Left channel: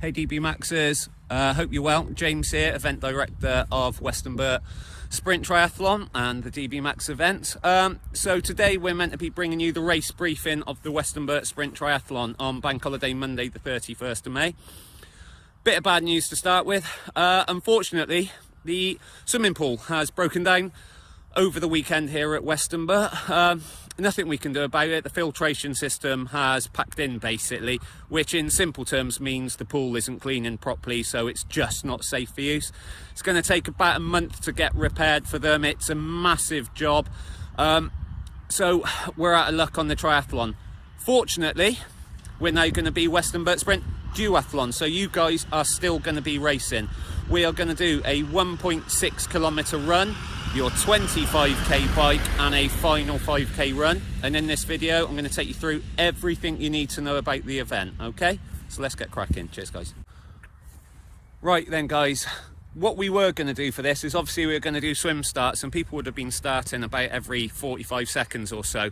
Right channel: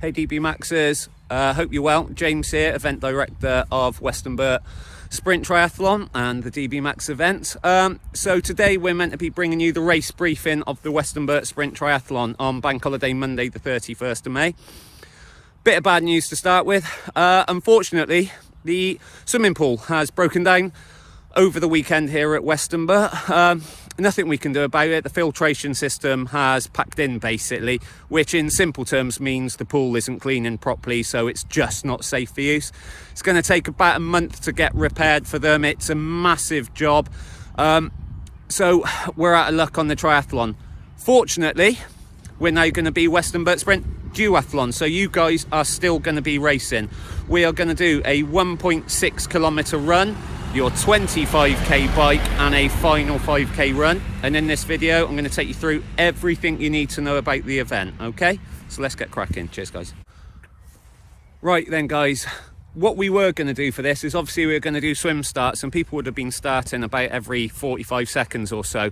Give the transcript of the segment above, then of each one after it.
Hey DB Maxers, hope you're well. James here, event director of Westonbirt Sprint Triathlon and the DB Max event. So today we're meant to be bringing you the race briefing of the Westonbirt Sprint Triathlon on Bank Holiday Monday the 31st of May. Bit of bad news to start with. Unfortunately, the swimming pool has broken down over the weekend here at Westonbirt. Nothing we can do about it. The filtration system has packed in basically, which in simple terms means the pool isn't cleaning properly, so it's just not safe for use. It's going to take about a month to get repaired for them. It's a massive job. So we're out of luck on the triathlon. Fortunately, we're now going to be Westonbirt Sprint Duathlon, so you guys are still going to be racing. We are going to do a 1.6 kilometer run, your 25k bike, and a final 5k run. And in this video I'm going to take you through everything you need to know about the event. Okay, so let's get cracking. Cheers guys. Right then guys, what we were going to do for this is obviously we were going to do swim starts, and people would have been starting about every 45 seconds or so.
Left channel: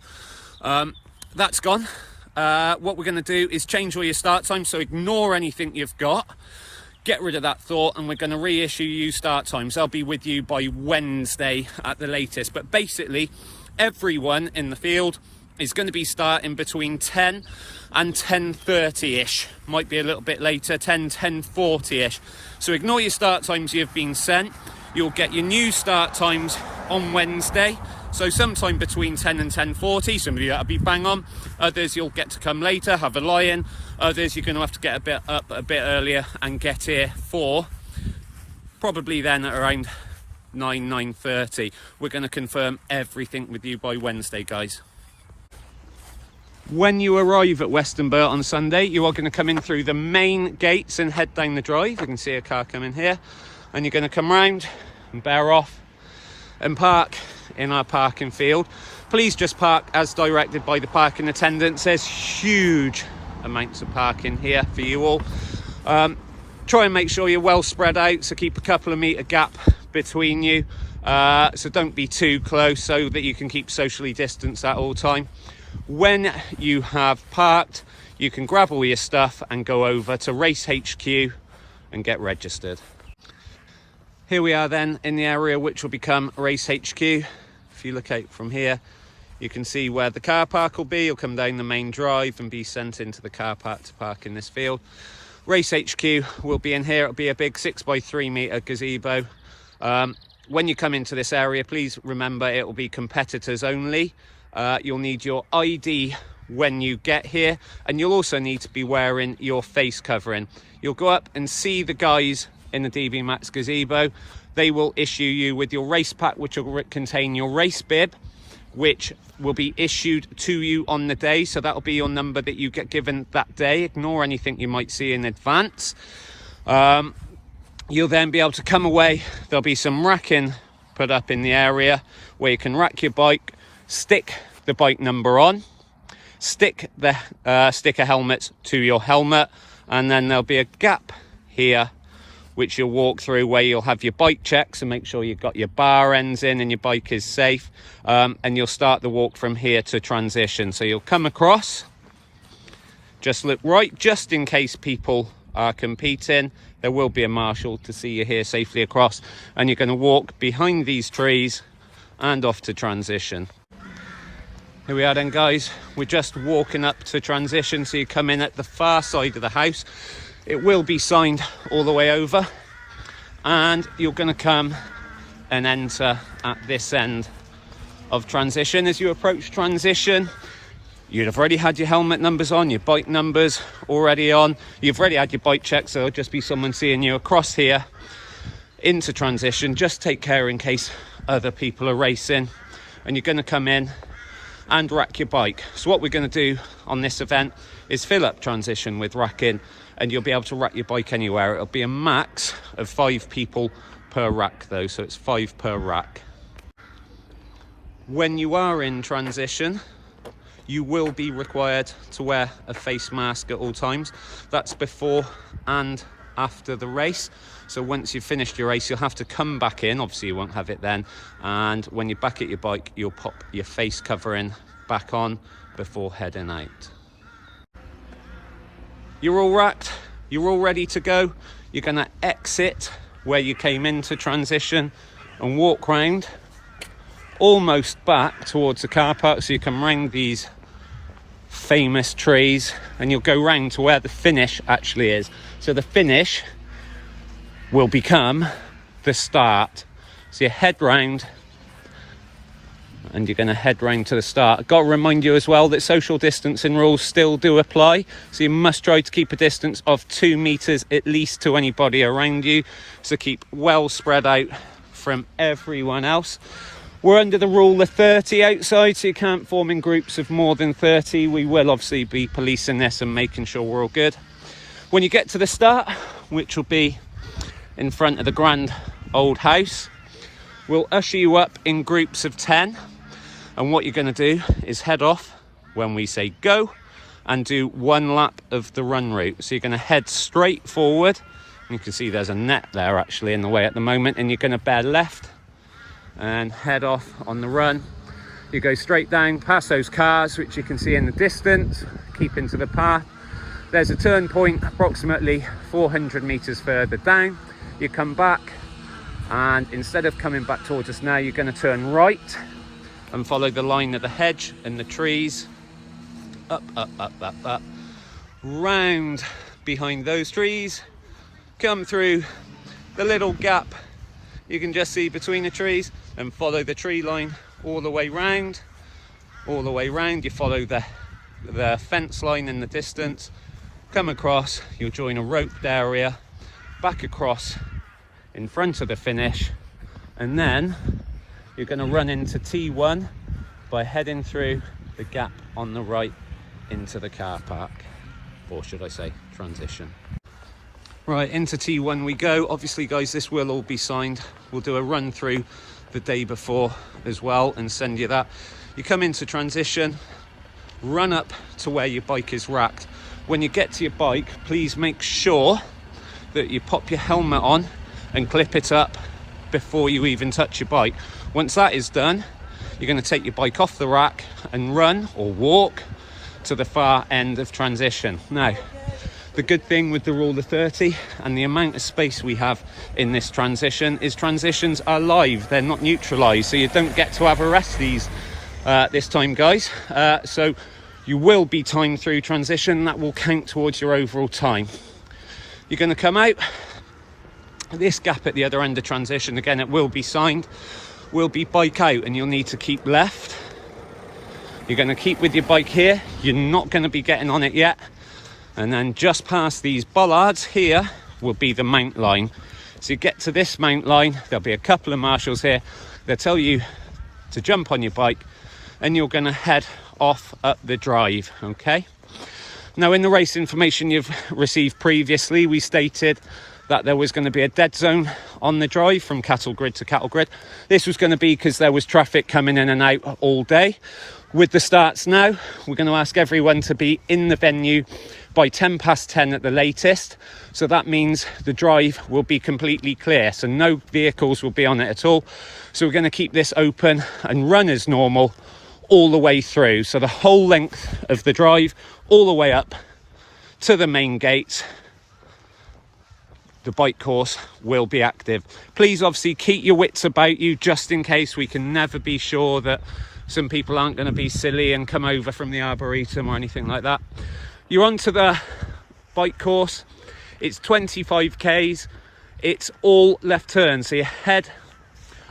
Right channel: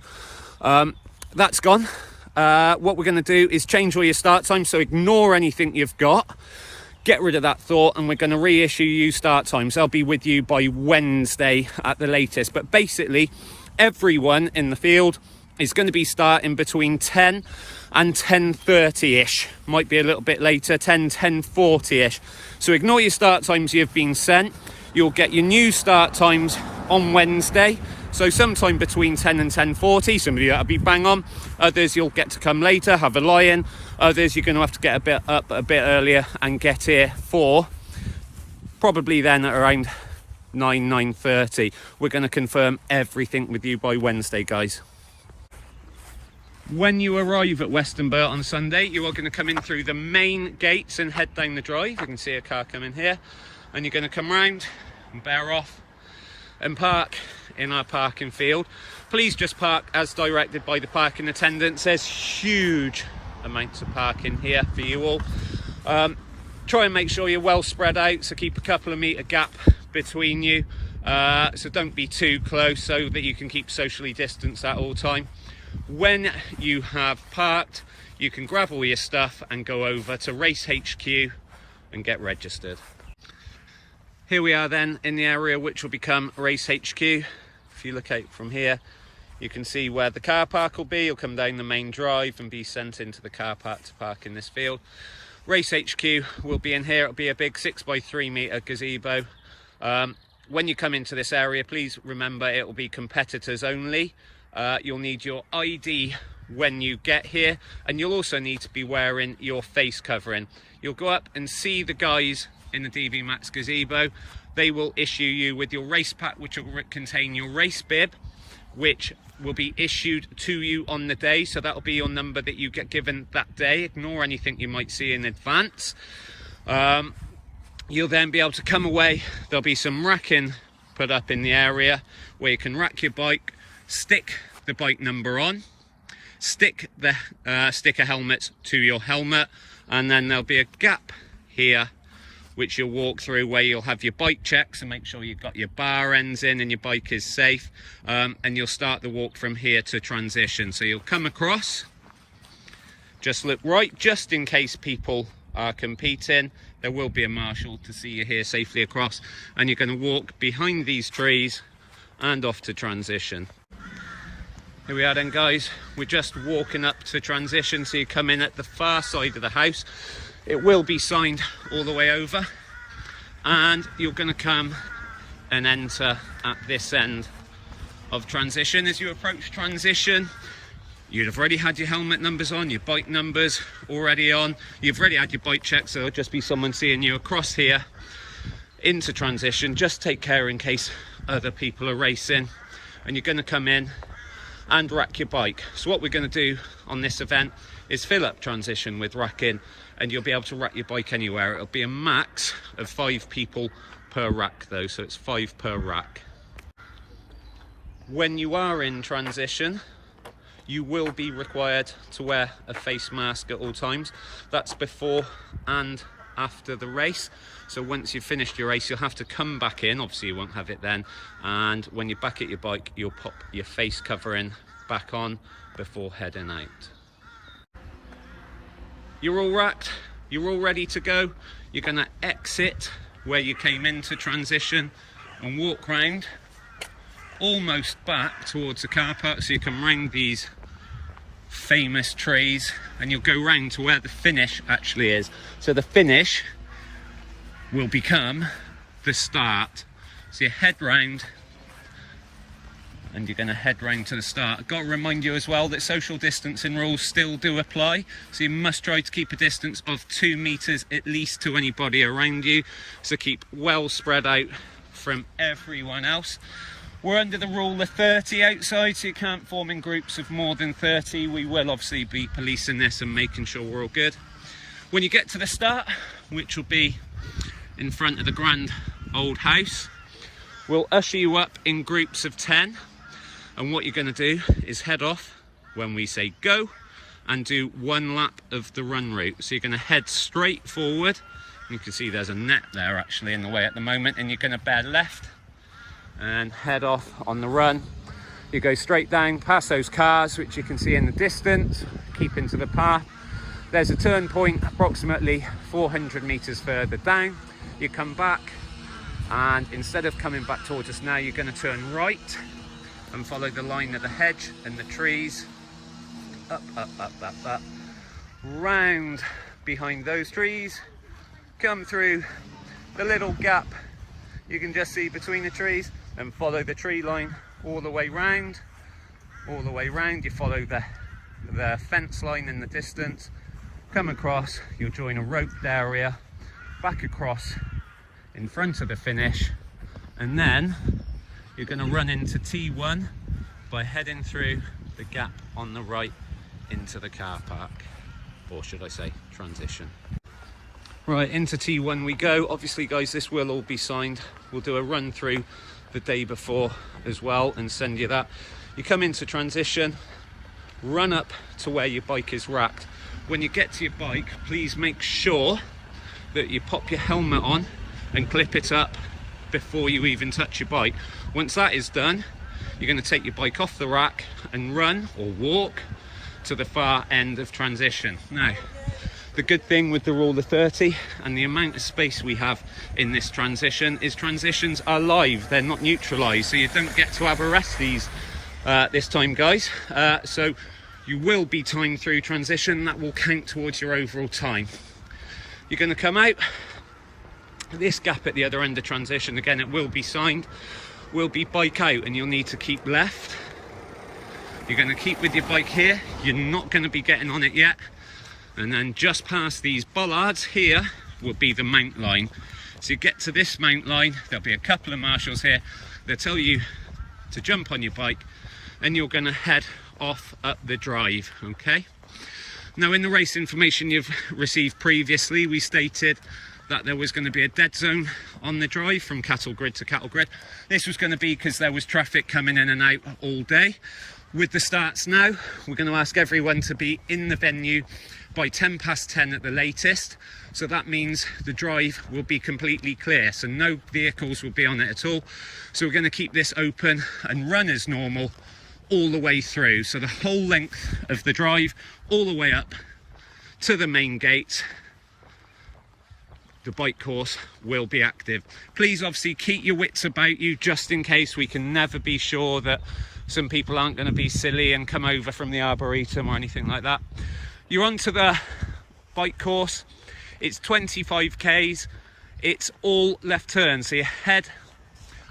That's gone. What we're going to do is change all your start times, so ignore anything you've got. Get rid of that thought, and we're going to reissue you start times. They'll be with you by Wednesday at the latest. But basically, everyone in the field is going to be starting between 10 and 10:30-ish. Might be a little bit later, 10:40-ish. So ignore your start times you've been sent. You'll get your new start times on Wednesday. So sometime between 10 and 10:40, some of you that'll be bang on. Others you'll get to come later, have a lie-in. Others you're going to have to get up a bit earlier and get here for probably then at around 9:30. We're going to confirm everything with you by Wednesday, guys. When you arrive at Westonbirt on Sunday, you are going to come in through the main gates and head down the drive. You can see a car coming here, and you're going to come round and bear off and park in our parking field. Please just park as directed by the parking attendants. There's huge amounts of parking here for you all. Try and make sure you're well spread out, so keep a couple of metre gap between you, so don't be too close, so that you can keep socially distanced at all time. When you have parked, you can grab all your stuff and go over to Race HQ and get registered. Here we are then in the area which will become Race HQ. If you look out from here, you can see where the car park will be. You'll come down the main drive and be sent into the car park to park in this field. Race HQ will be in here. It'll be a big 6x3 metre gazebo. When you come into this area, please remember it will be competitors only. You'll need your ID when you get here, and you'll also need to be wearing your face covering. You'll go up and see the guys in the DB Max gazebo. They will issue you with your race pack, which will contain your race bib, which will be issued to you on the day. So that'll be your number that you get given that day. Ignore anything you might see in advance. You'll then be able to come away. There'll be some racking put up in the area where you can rack your bike, stick the bike number on, stick the sticker helmet to your helmet, and then there'll be a gap here which you'll walk through where you'll have your bike checks and make sure you've got your bar ends in and your bike is safe. And you'll start the walk from here to transition. So you'll come across, just look right, just in case people are competing. There will be a marshal to see you here safely across, and you're going to walk behind these trees and off to transition. Here we are then guys, we're just walking up to transition, so you come in at the far side of the house. It will be signed all the way over, and you're going to come and enter at this end of transition. As you approach transition, you'd have already had your helmet numbers on, your bike numbers already on. You've already had your bike check, so it'll just be someone seeing you across here into transition. Just take care in case other people are racing, and you're going to come in and rack your bike. So what we're going to do on this event is fill up transition with racking, and you'll be able to rack your bike anywhere. It'll be a max of 5 people per rack though, so it's 5 per rack. When you are in transition, you will be required to wear a face mask at all times. That's before and after the race. So once you've finished your race, you'll have to come back in. Obviously you won't have it then, and when you're back at your bike, you'll pop your face covering back on before heading out. You're all racked, you're all ready to go. You're going to exit where you came into transition and walk round almost back towards the car park, so you come round these famous trees and you'll go round to where the finish actually is. So the finish will become the start. So you head round and you're going to head round to the start. I've got to remind you as well that social distancing rules still do apply, so you must try to keep a distance of 2 meters at least to anybody around you, so keep well spread out from everyone else. We're under the rule of 30 outside, so you can't form in groups of more than 30. We will obviously be policing this and making sure we're all good. When you get to the start, which will be in front of the grand old house, we'll usher you up in groups of 10. And what you're going to do is head off when we say go and do 1 lap of the run route. So you're going to head straight forward. You can see there's a net there actually in the way at the moment, and you're going to bear left and head off on the run. You go straight down past those cars, which you can see in the distance, keep into the path. There's a turn point approximately 400 meters further down. You come back, and instead of coming back towards us now, you're going to turn right and follow the line of the hedge and the trees, up, round behind those trees, come through the little gap you can just see between the trees, and follow the tree line all the way round. You follow the fence line in the distance, come across, you'll join a roped area, back across in front of the finish, and then you're going to run into T1 by heading through the gap on the right into the car park, or should I say transition. Right, into T1 we go. Obviously guys, this will all be signed. We'll do a run through the day before as well and send you that. You come into transition, run up to where your bike is racked. When you get to your bike, please make sure that you pop your helmet on and clip it up before you even touch your bike. Once that is done, you're going to take your bike off the rack and run or walk to the far end of transition. Now, the good thing with the rule of 30 and the amount of space we have in this transition is transitions are live, they're not neutralized, so you don't get to have a rest these this time, guys. So you will be timed through transition. That will count towards your overall time. You're going to come out this gap at the other end of transition. Again, it will be signed, will be bike out, and you'll need to keep left. You're going to keep with your bike here, you're not going to be getting on it yet, and then just past these bollards here will be the mount line. So you get to this mount line, there'll be a couple of marshals here, they'll tell you to jump on your bike, and you're going to head off up the drive. Okay, now in the race information you've received previously, we stated that there was going to be a dead zone on the drive from cattle grid to cattle grid. This was going to be because there was traffic coming in and out all day. With the starts now, we're going to ask everyone to be in the venue by 10 past 10 at the latest. So that means the drive will be completely clear, so no vehicles will be on it at all. So we're going to keep this open and run as normal all the way through. So the whole length of the drive, all the way up to the main gates, the bike course will be active. Please obviously keep your wits about you, just in case. We can never be sure that some people aren't going to be silly and come over from the Arboretum or anything like that. You're onto the bike course. It's 25 k's. It's all left turns. So you head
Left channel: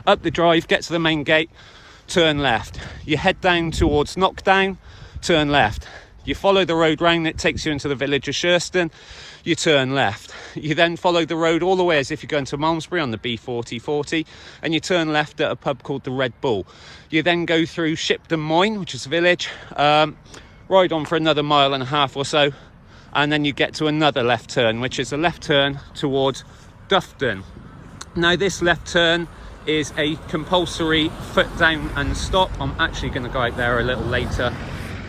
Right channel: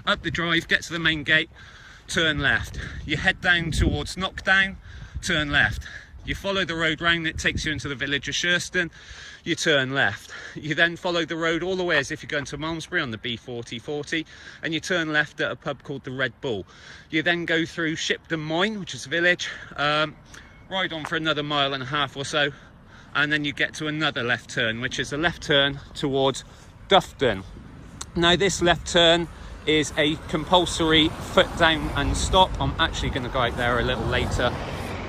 up the drive, get to the main gate, turn left. You head down towards Knockdown, turn left. You follow the road round that takes you into the village of Shurston, you turn left. You then follow the road all the way as if you're going to Malmesbury on the B4040, and you turn left at a pub called the Red Bull. You then go through Shipton Moyne, which is a village, ride on for another 1.5 miles or so, and then you get to another left turn, which is a left turn towards Dufton. Now this left turn is a compulsory foot down and stop. I'm actually going to go out there a little later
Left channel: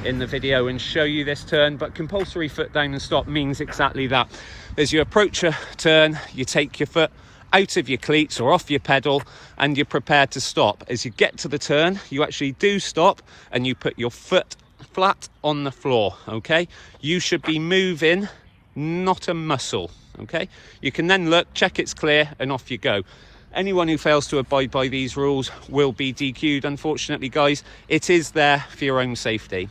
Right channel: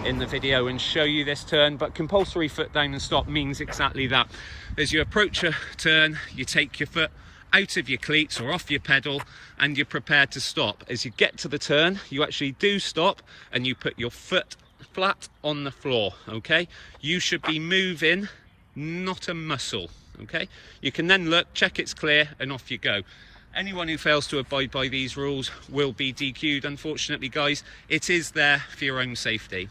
in the video and show you this turn, but compulsory foot down and stop means exactly that. As you approach a turn, you take your foot out of your cleats or off your pedal and you're prepared to stop. As you get to the turn, you actually do stop and you put your foot flat on the floor. Okay, you should be moving not a muscle. Okay, you can then look, check it's clear, and off you go. Anyone who fails to abide by these rules will be DQ'd, unfortunately, guys. It is there for your own safety.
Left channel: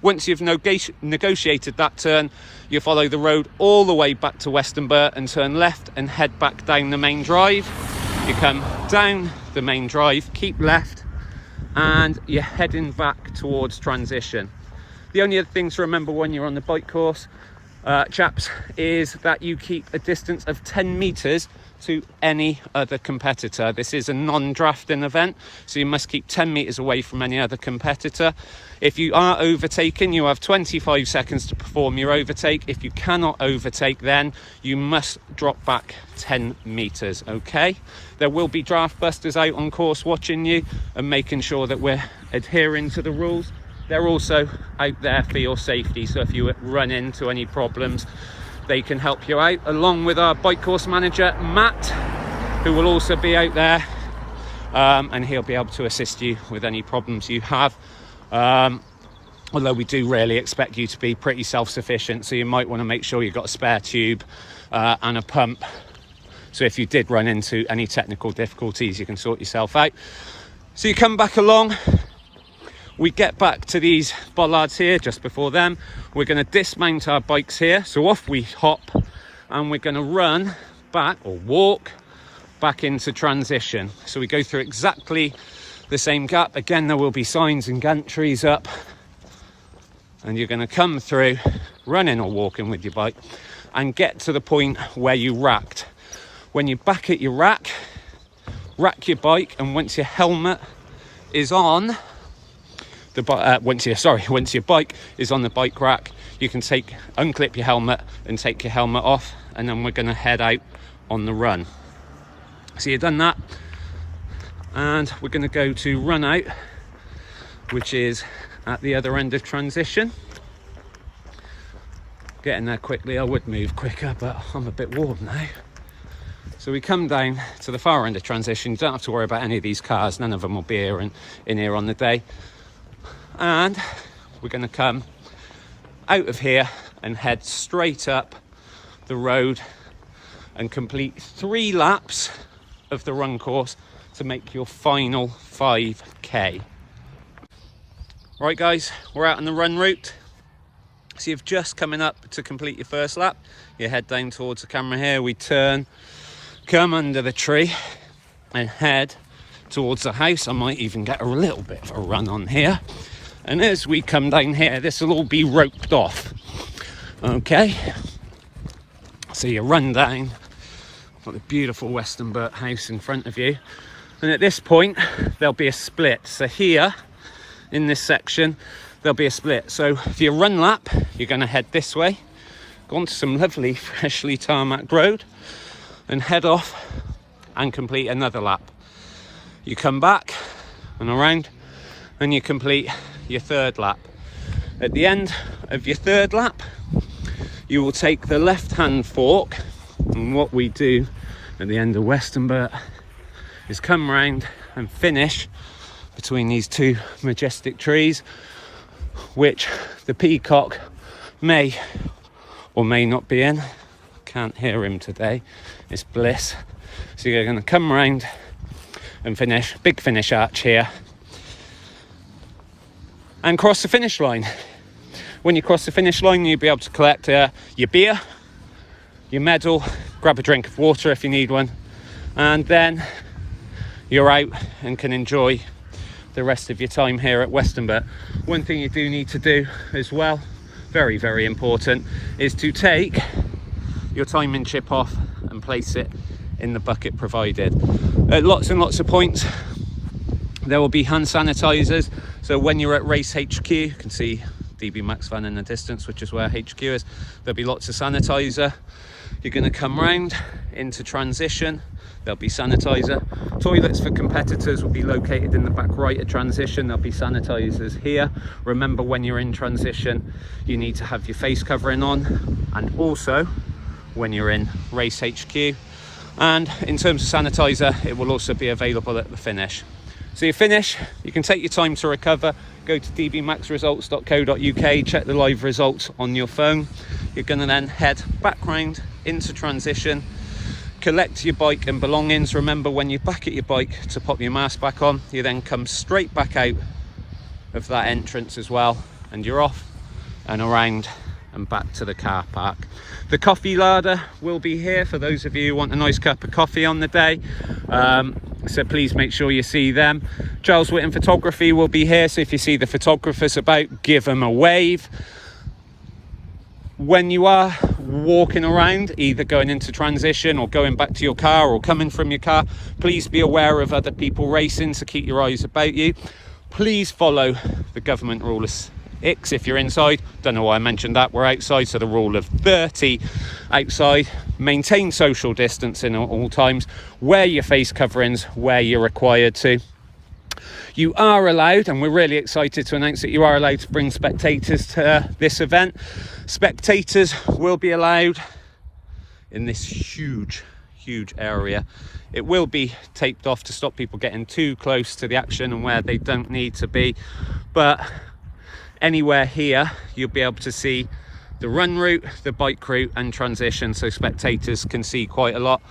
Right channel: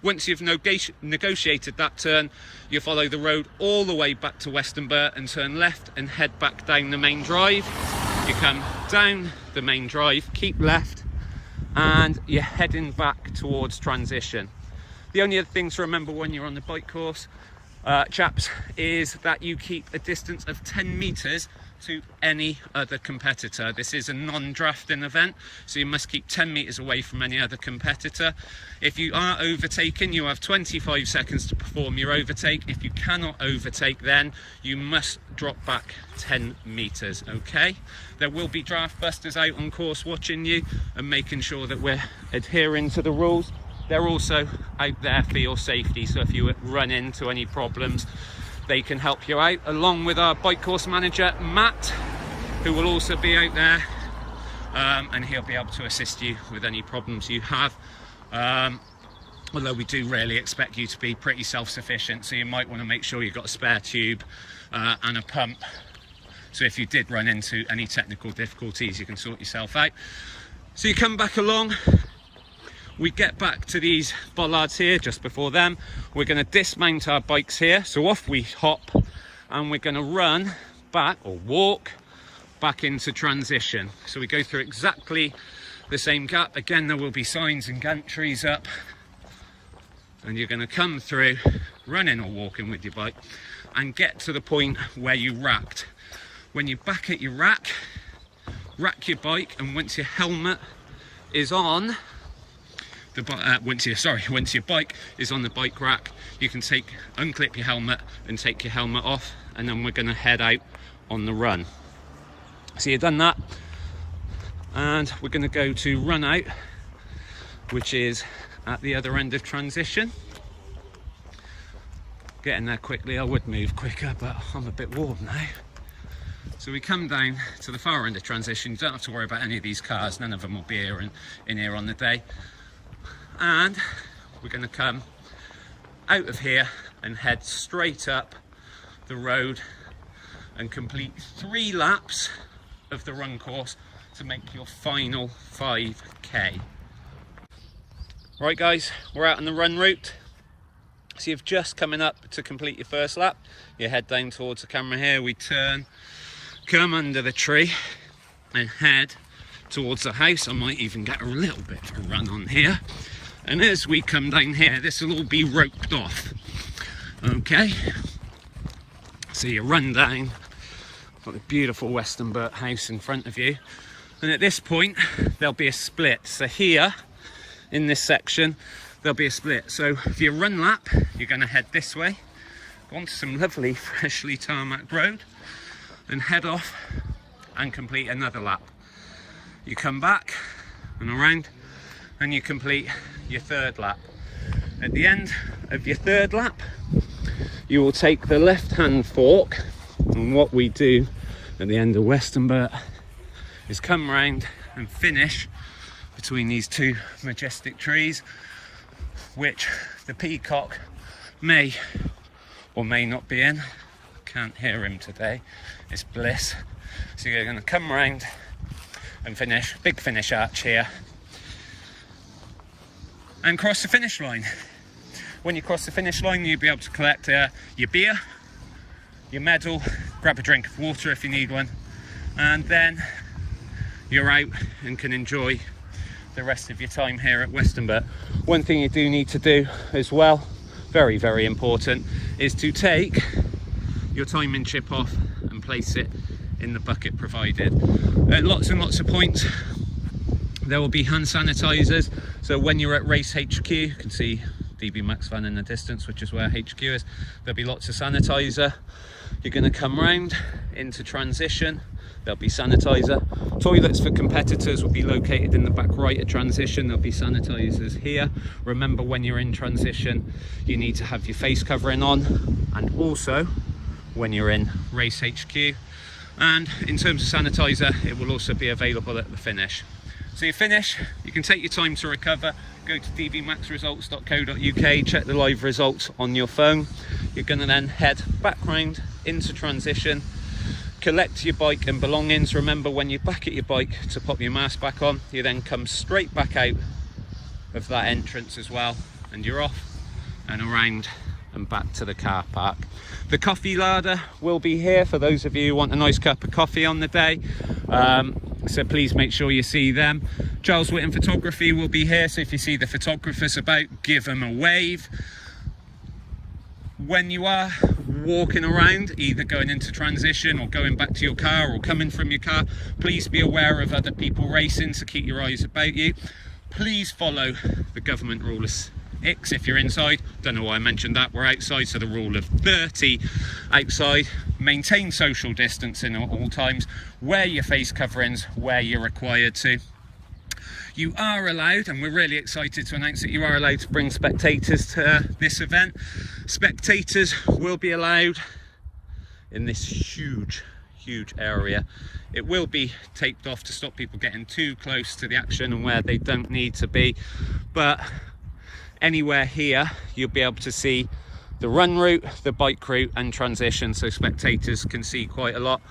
Once you've negotiated that turn, you follow the road all the way back to Westonbirt and turn left and head back down the main drive. You come down the main drive, keep left, and you're heading back towards transition. The only other thing to remember when you're on the bike course, chaps, is that you keep a distance of 10 meters to any other competitor. This is a non-drafting event, so you must keep 10 meters away from any other competitor. If you are overtaken, you have 25 seconds to perform your overtake. If you cannot overtake, then you must drop back 10 meters. Okay, there will be draft busters out on course watching you and making sure that we're adhering to the rules. They're also out there for your safety, so if you run into any problems, they can help you out, along with our bike course manager Matt, who will also be out there, and he'll be able to assist you with any problems you have, although we do really expect you to be pretty self-sufficient, so you might want to make sure you've got a spare tube and a pump, so if you did run into any technical difficulties, you can sort yourself out. So you come back along, we get back to these bollards here just before them. We're going to dismount our bikes here, so off we hop, and we're going to run back or walk back into transition. So we go through exactly the same gap. Again, there will be signs and gantries up, and you're going to come through running or walking with your bike and get to the point where you racked. When you're back at your rack your bike, and once your helmet is on once your bike is on the bike rack, you can unclip your helmet and take your helmet off, and then we're going to head out on the run. So you've done that, and we're going to go to run out, which is at the other end of transition. Getting there quickly. I would move quicker, but I'm a bit warm now. So we come down to the far end of transition. You don't have to worry about any of these cars, none of them will be here in here on the day. And we're going to come out of here and head straight up the road and complete 3 laps of the run course to make your final 5k. Right guys, we're out on the run route. So you've just coming up to complete your first lap. You head down towards the camera here, we turn, come under the tree and head towards the house. I might even get a little bit of a run on here. And as we come down here, this will all be roped off. Okay, so you run down, got the beautiful Westonbirt house in front of you, and at this point there'll be a split. So here in this section there'll be a split. So for your run lap, you're going to head this way, go onto some lovely freshly tarmac road, and head off and complete another lap. You come back and around, and you complete your 3rd lap. At the end of your 3rd lap, you will take the left-hand fork, and what we do at the end of Westonbirt is come round and finish between these 2 majestic trees, which the peacock may or may not be in. Can't hear him today, it's bliss. So you're going to come round and finish, big finish arch here, and cross the finish line. When you cross the finish line, you'll be able to collect your beer, your medal, grab a drink of water if you need one, and then you're out and can enjoy the rest of your time here at Westonbirt. One thing you do need to do as well, very, very important, is to take your timing chip off and place it in the bucket provided. At lots and lots of points, there will be hand sanitizers. So when you're at Race HQ, you can see DB Max van in the distance, which is where HQ is. There'll be lots of sanitizer. You're going to come round into transition. There'll be sanitizer. Toilets for competitors will be located in the back right of transition. There'll be sanitizers here. Remember, when you're in transition, you need to have your face covering on, and also when you're in Race HQ. And in terms of sanitizer, it will also be available at the finish. So you finish, you can take your time to recover, go to dbmaxresults.co.uk, check the live results on your phone. You're going to then head back round into transition, collect your bike and belongings. Remember, when you're back at your bike, to pop your mask back on. You then come straight back out of that entrance as well, and you're off and around and back to the car park. The coffee larder will be here for those of you who want a nice cup of coffee on the day, so please make sure you see them. Charles Whitten Photography will be here, so if you see the photographers about, give them a wave. When you are walking around, either going into transition or going back to your car or coming from your car, please be aware of other people racing, so keep your eyes about you. Please follow the government rule of X if you're inside. Don't know why I mentioned that. We're outside, so the rule of 30 outside. Maintain social distancing at all times. Wear your face coverings where you're required to. You are allowed, and we're really excited to announce that you are allowed to bring spectators to this event. Spectators will be allowed in this huge area. It will be taped off to stop people getting too close to the action and where they don't need to be, but anywhere here you'll be able to see the run route, the bike route and transition, so spectators can see quite a lot.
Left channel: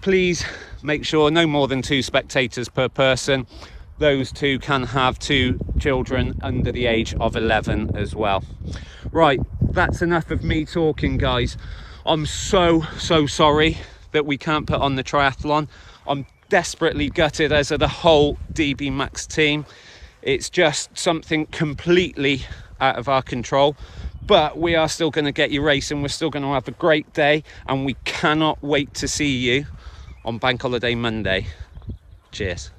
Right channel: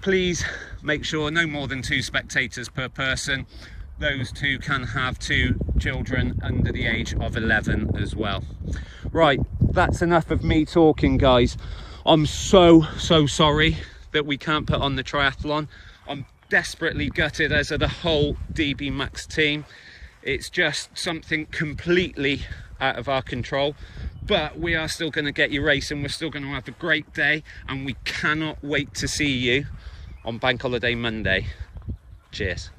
Please make sure no more than 2 spectators per person. Those 2 can have 2 children under the age of 11 as well. Right, that's enough of me talking, guys. I'm so sorry that we can't put on the triathlon. I'm desperately gutted, as are the whole DB Max team. It's just something completely out of our control, but we are still going to get you racing. We're still going to have a great day, and we cannot wait to see you on Bank Holiday Monday. Cheers.